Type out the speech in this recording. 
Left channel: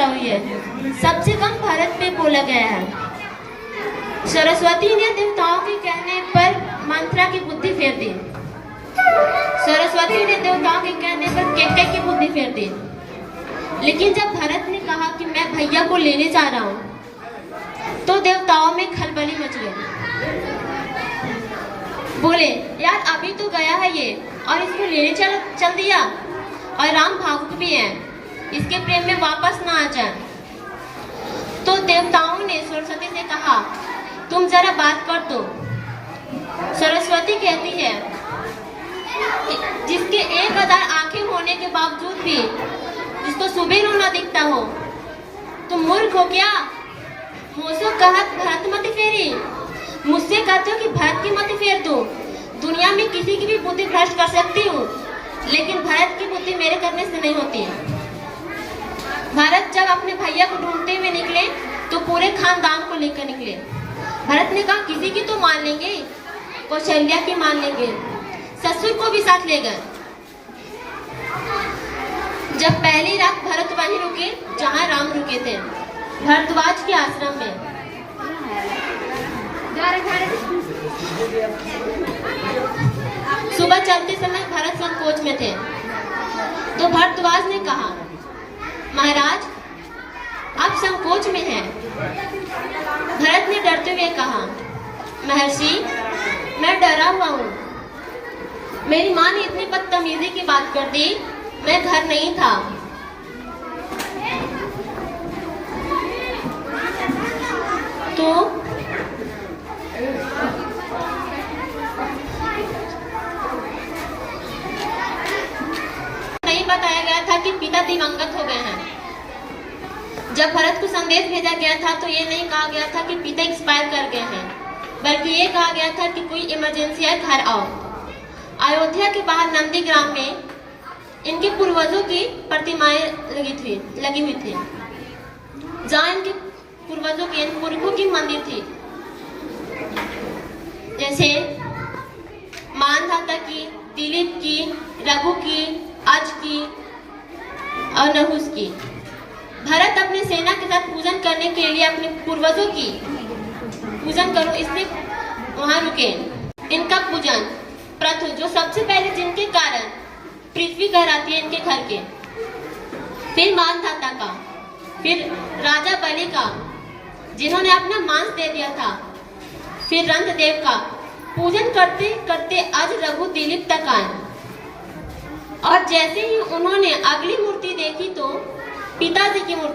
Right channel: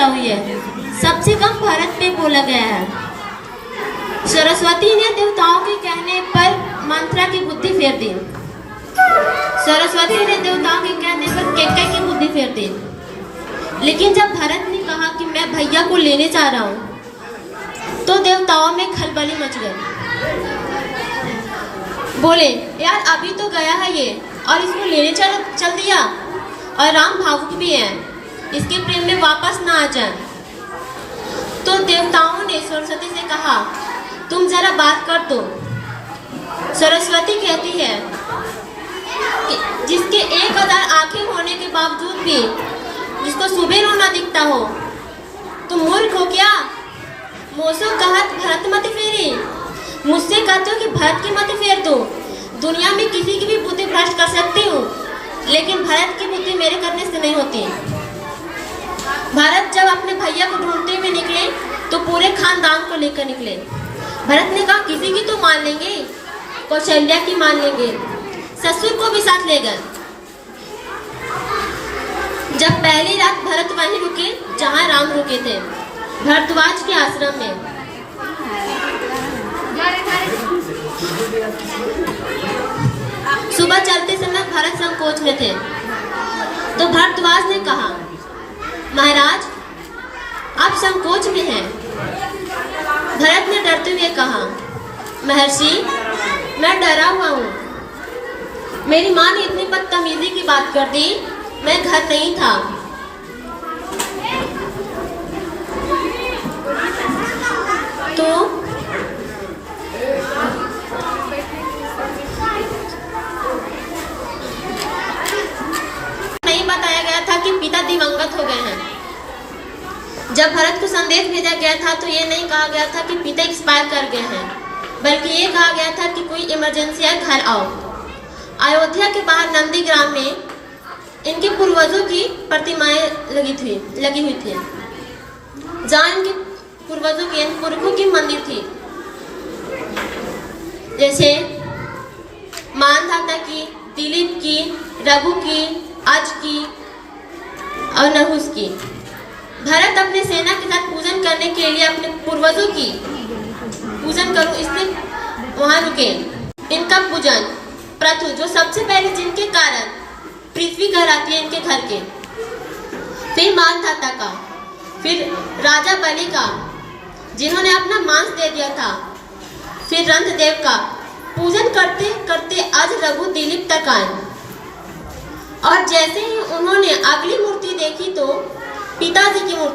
चर्चा हुई है, सबसे कम भारत पे बोला गया है। सरस्वती ने देवताओं के कहने पर मंत्रा की बुद्धि फेर दी। सरस्वती ने देवताओं के कहने पर कैकेयी की बुद्धि फेर दी। लेकिन जब भरत ने कहा कि मैं भैया को लेने जा रहा हूँ, तो देवताओं में खलबली मच गई। बोले, यार अभी तो गया है ये और इसको लेने चल दिया, और राम भावुक भी है, इसके प्रेम में वापस ना आ जाए। तो देवताओं ने सरस्वती से कहा, तुम जरा बात कर दो। सरस्वती कहती है कि जिसके 1000 आंखें होने के बावजूद भी जिसको सुबह रोना दिखता हो, तुम मूर्ख हो क्या? मोसो कहत भरत मत फेरी, मुझसे कहते हो कि भरत की मत फेर दो। दुनिया में किसी की भी बुद्धि भ्रष्ट कर सकती हूँ, लेकिन भरत की बुद्धि मेरे करने से नहीं होती। भरत जब अपने भैया को ढूंढते हुए निकले तो पूरे खानदान को लेकर निकले। भरत ने कहा, किसी की तो मान लेंगे, कौशल्या की मान लेंगे, ससुर को भी साथ ले गए। जब पहली रात भरत वहीं रुके जहां राम रुके थे, भरद्वाज के आश्रम में। सुबह चलते समय भरत संकोच में थे, तो भरद्वाज ने कहा, महाराज आप संकोच में हैं। भरत ने डरते हुए कहा, महर्षि मैं डरा हुआ हूँ, मेरी माँ ने इतनी बदतमीजी की बात कर दी, मैं घर नहीं था। तो नहीं बताया गया था कि पिता दिवंगत हो गए हैं। जब भरत को संदेश भेजा गया था तो ये नहीं कहा गया था कि पिता एक्सपायर कर गए हैं, बल्कि ये कहा गया था कि कोई इमरजेंसी है, घर आओ। अयोध्या के बाहर नंदीग्राम में इनके पूर्वजों की प्रतिमाएं लगी हुई थी, जहाँ इनके पूर्वजों की पुरखों की मंदिर थी, जैसे मानधाता की, दिलीप की, रघु की, अज की और नहुस की। भरत अपने सेना के साथ पूजन करने के लिए अपने पूर्वजों की पूजन करो इसलिए वहां रुके। इनका पूजन प्रथु, जो सबसे पहले जिनके कारण पृथ्वी कहलाती है इनके घर के, फिर मानधाता का, फिर राजा बलि का जिन्होंने अपना मांस दे दिया था, फिर रंतदेव का पूजन करते करते आज रघु दिलीप तक आए। और जैसे ही उन्होंने अगली मूर्ति देखी तो पिताजी की मूर्ति